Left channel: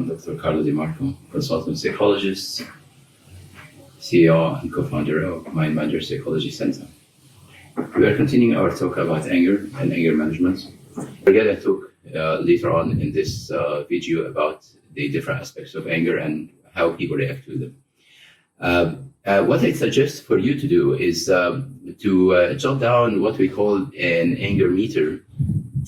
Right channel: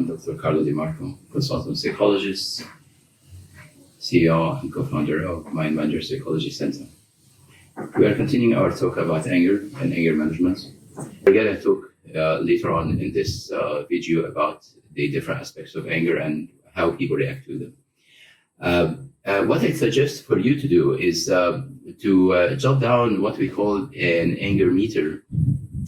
I'm Dr. Carlo Demarco, consultant psychologist, CEO and co-founder of Mind Manager Psychology Center. We are continuing our talk about anger and anger management. We're going to talk later on in this video about the different aspects of anger and how people react to them. What I suggest for you to do is to jot down what we call an anger meter.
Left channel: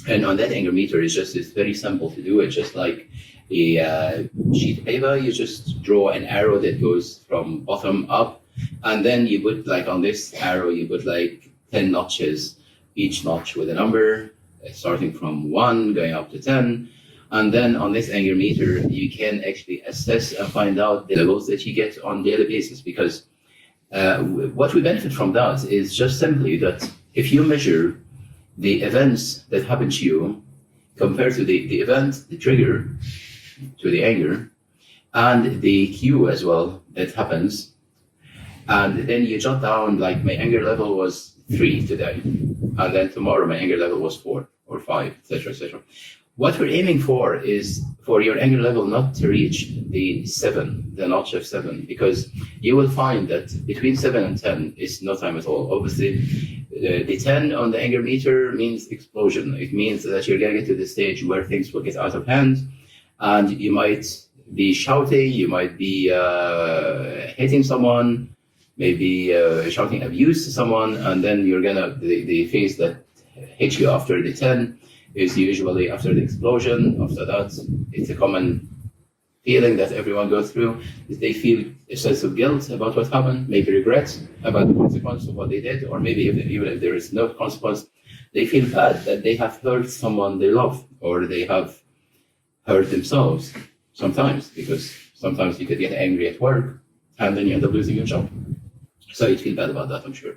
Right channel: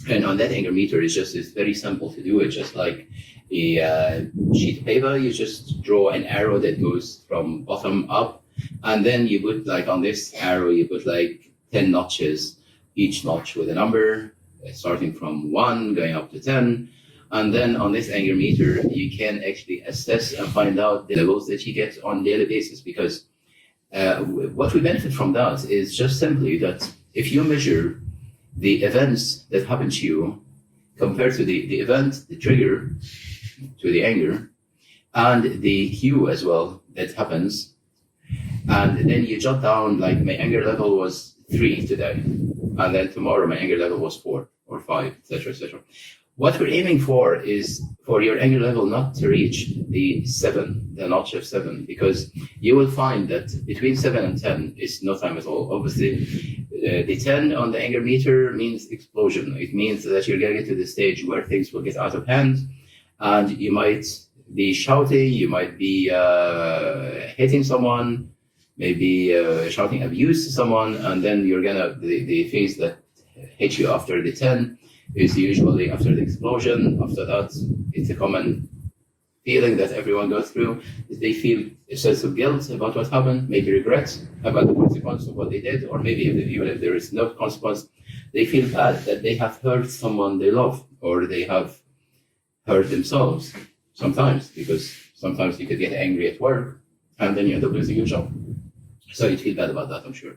And on that anger meter, it's very simple to do. It's just like a sheet of paper. You just draw an arrow that goes from bottom up, and then you put on this arrow, you put 10 notches, each notch with a number, starting from 1 going up to 10. And then on this anger meter, you can actually assess and find out the levels that you get on a daily basis. Because what we benefit from that is just simply that if you measure the events that happen to you compared to the event, the trigger to the anger, and the cue as well that happens, and then you jot down my anger level was 3 today, and then tomorrow my anger level was 4 or 5, etc., etc. What we're aiming for is for your anger level not to reach the 7, the notch of 7, because you will find that between 7 and 10 is no time at all. Obviously, the 10 on the anger meter means explosion. It means that you're going to get to the stage where things will get out of hand, and you might be shouting, you might be hitting someone, maybe shouting abuse to someone, and then you're the phase that hits you after the 10 is usually after the explosion. After that, it's a common feeling that everyone goes through. They feel a sense of guilt about what happened, maybe regret about the consequence of what they did, or maybe even if there is no consequence, they feel bad that they have hurt someone they love, or they have hurt themselves sometimes, because sometimes you could get angry at work and then you end up losing your job. So you'd feel bad about that, I'm sure.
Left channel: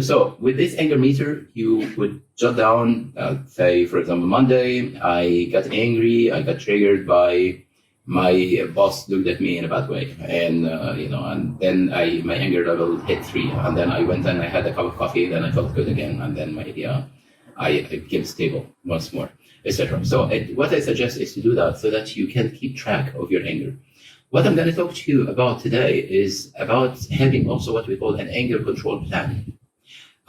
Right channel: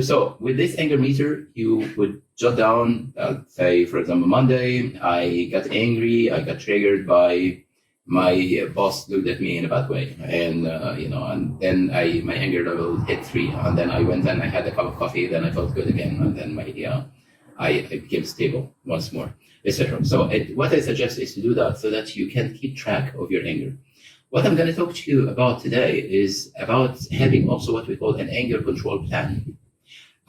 So with this anger meter, you would jot down, say, for example, Monday, I got angry, I got triggered by my boss looked at me in a bad way, and and then my anger level hit 3, and then I went and I had a cup of coffee, then I felt good again, and then I became stable once more, etc. So what I suggest is to do that so that you can keep track of your anger. What I'm going to talk to you about today is about having also what we call an anger control plan.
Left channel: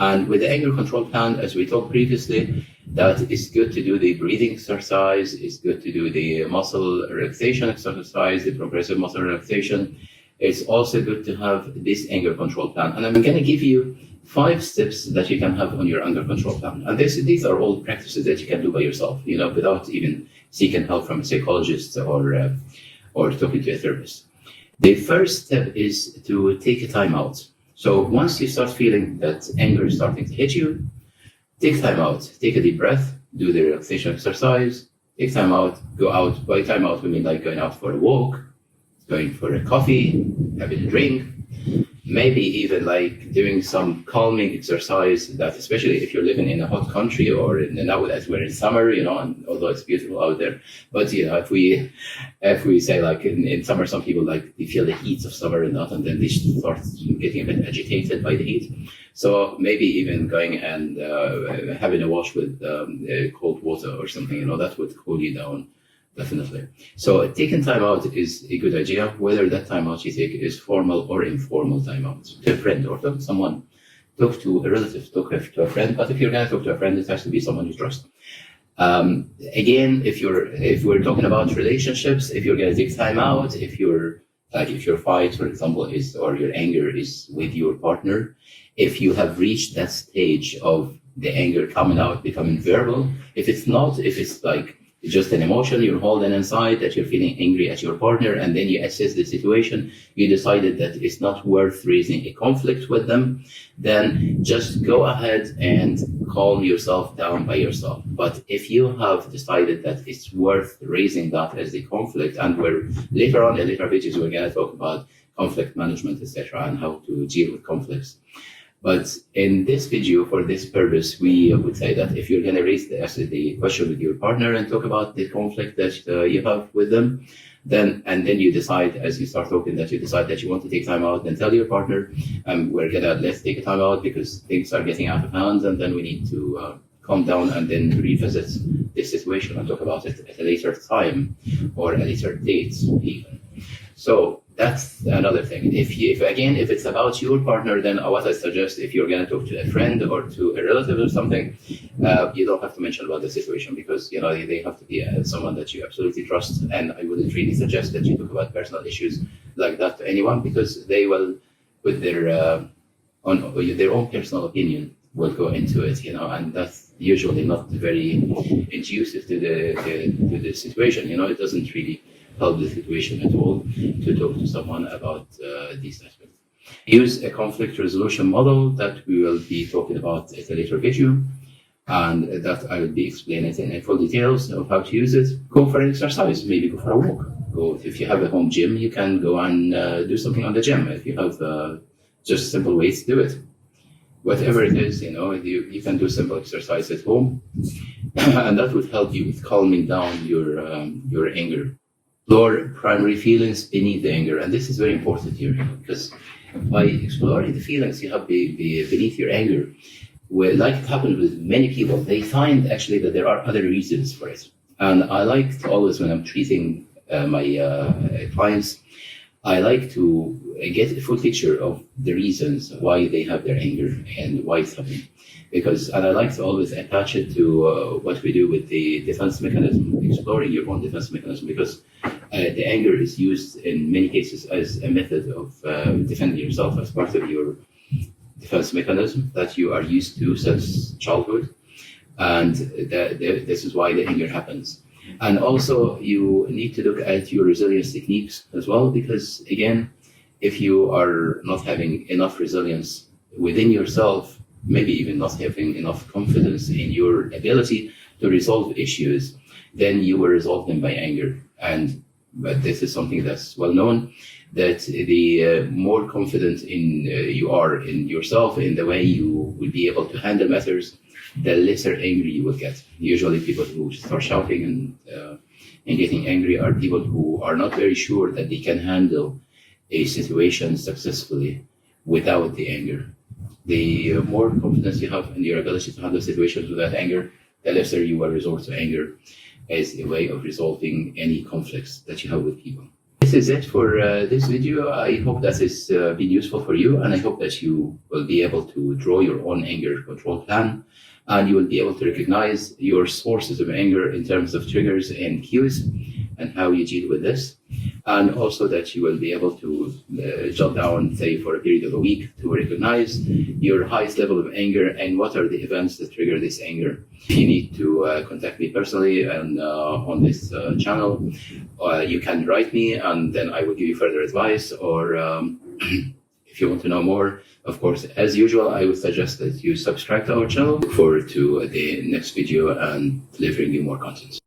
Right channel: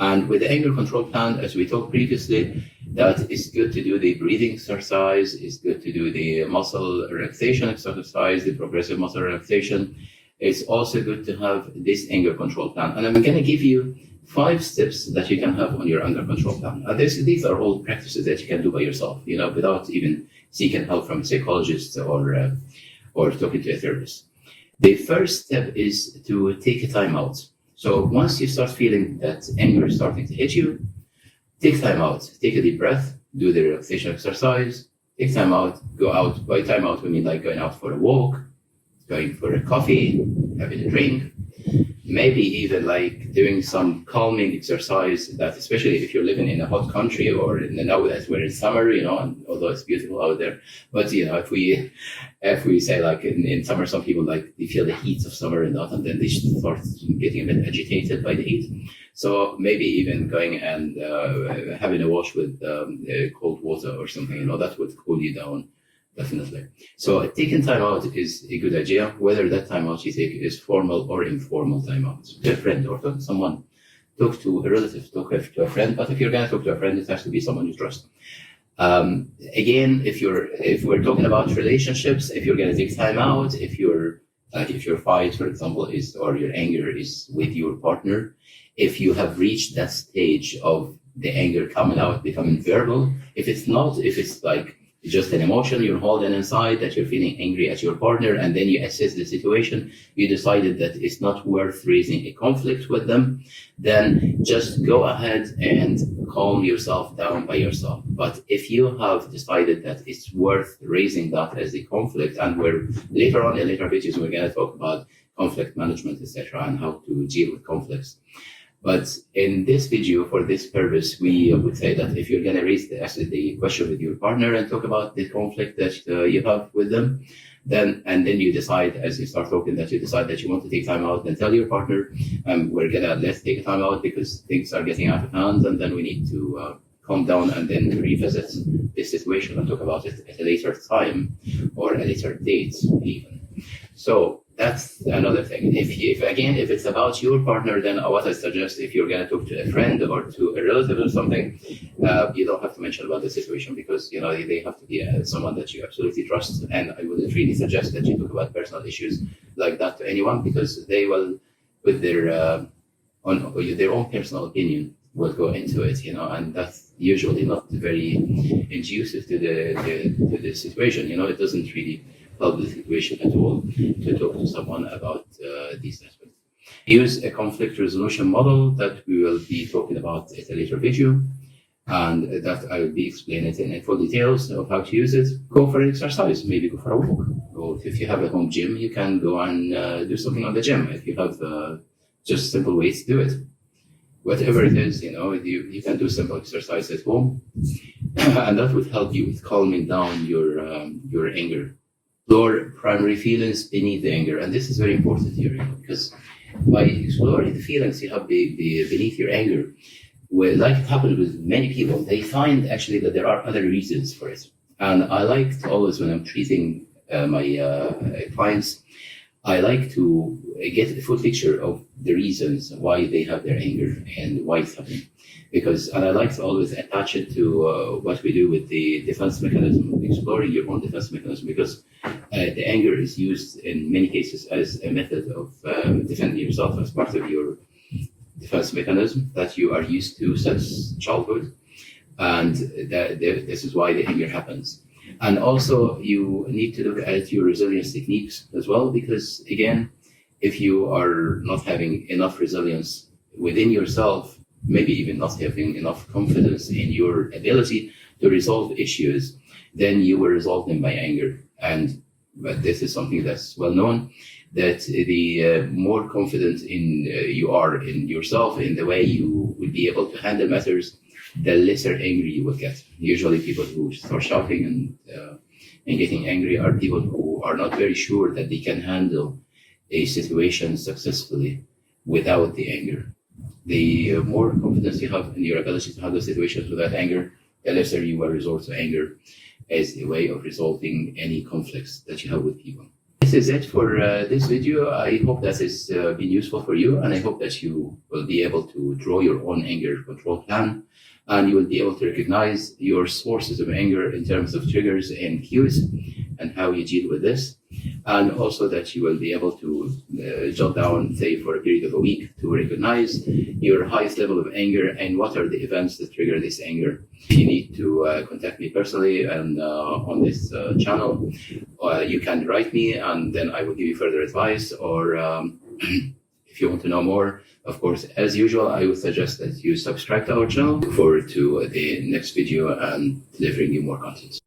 And with the anger control plan, as we talked previously, that it's good to do the breathing exercise, it's good to do the muscle relaxation exercise, the progressive muscle relaxation. It's also good to have this anger control plan. And I'm going to give you 5 steps that you can have on your anger control plan. And these are all practices that you can do by yourself, without even seeking help from a psychologist or talking to a therapist. The first step is to take a time out. So once you start feeling that anger is starting to hit you, take time out, take a deep breath, do the relaxation exercise, take time out, go out. By time out, we mean going out for a walk, going for a coffee, having a drink, maybe even doing some calming exercise, that especially if you're living in a hot country or now that we're in summer, and although it's beautiful out there, but if we say in summer, some people they feel the heat of summer and that, and then they start getting a bit agitated by the heat. So maybe even going and having a wash with cold water or something, that would cool you down. Definitely. So taking time out is a good idea, whether that time out you take is formal or informal time out. To a friend or to someone, talk to a relative, talk to a friend. But if you're going to talk to a friend, it has to be someone you trust. Again, if we're talking about relationships, if you're going to take time out, if your fight, for example, or your anger is with your partner, if you have reached that stage of the anger coming out, becoming verbal, if it's just an emotion you're holding inside, that you're feeling angry at your partner, and then you assess the situation, you decided that it's not worth raising a conflict with them, then just go ahead and calm yourself down by yourself. But if you have decided that it's worth raising that as a conflict, and later on in later videos, we're going to talk about conflict management, etc., and how to deal with conflicts. But in this video, for this purpose, we would say that if you're going to raise the question with your partner and talk about the conflict that you have with them, then you decide, as you start talking, that you decide that you want to take time out, then tell your partner, let's take a time out because things are getting out of hand, and then we need to calm down and then revisit this situation and talk about it at a later time or a later date even. So that's another thing. If it's about your partner, then what I suggest, if you're going to talk to a friend or to a relative or something, you don't have to mention about the situation, because they have to be someone that you absolutely trust. And I wouldn't really suggest that you talk about personal issues like that to anyone, because they will, with their own personal opinion, will go into it, and that's usually not very conducive to the situation. It doesn't really help the situation at all to talk to someone about these aspects. Use a conflict resolution model that we will be talking about at a later video, and that I will be explaining in full details of how to use it. Go for an exercise, maybe go for a walk. If you have a home gym, you can go and do something on the gym. If you have just simple weights, do it. Whatever it is, you can do simple exercise at home, and that would help you with calming down your anger. Explore primary feelings beneath the anger, and this is very important here, because by exploring the feelings you have beneath your anger, like it happened with many people, they find actually that there are other reasons for it. And I like to always, when I'm treating my clients, I like to get a full picture of the reasons why they have their anger and why it's happening. And I like to always attach it to what we do with the defense mechanism, exploring your own defense mechanism, because the anger is used in many cases as a method of defending yourself, as part of your defense mechanism that you are used to since childhood. And this is why the anger happens. And also, you need to look at your resilience techniques as well, because again, if you are not having enough resilience within yourself, maybe even not having enough confidence in your ability to resolve issues, then you will resolve them by anger. But this is something that's well known, that the more confident you are in yourself, in the way you will be able to handle matters, the lesser angry you will get. Usually people who start shouting and getting angry are people who are not very sure that they can handle a situation successfully without the anger. The more confidence you have in your ability to handle situations without anger, the lesser you will resort to anger as a way of resolving any conflicts that you have with people. This is it for this video. I hope that has been useful for you, and I hope that you will be able to draw your own anger control plan, and you will be able to recognize your sources of anger in terms of triggers and cues and how you deal with this. And also that you will be able to jot down, say, for a period of a week, to recognize your highest level of anger and what are the events that trigger this anger. If you need to contact me personally and on this channel, you can write me, and then I will give you further advice. Or if you want to know more, of course, as usual, I would suggest that you subscribe to our channel. Look forward to the next video and delivering you more content.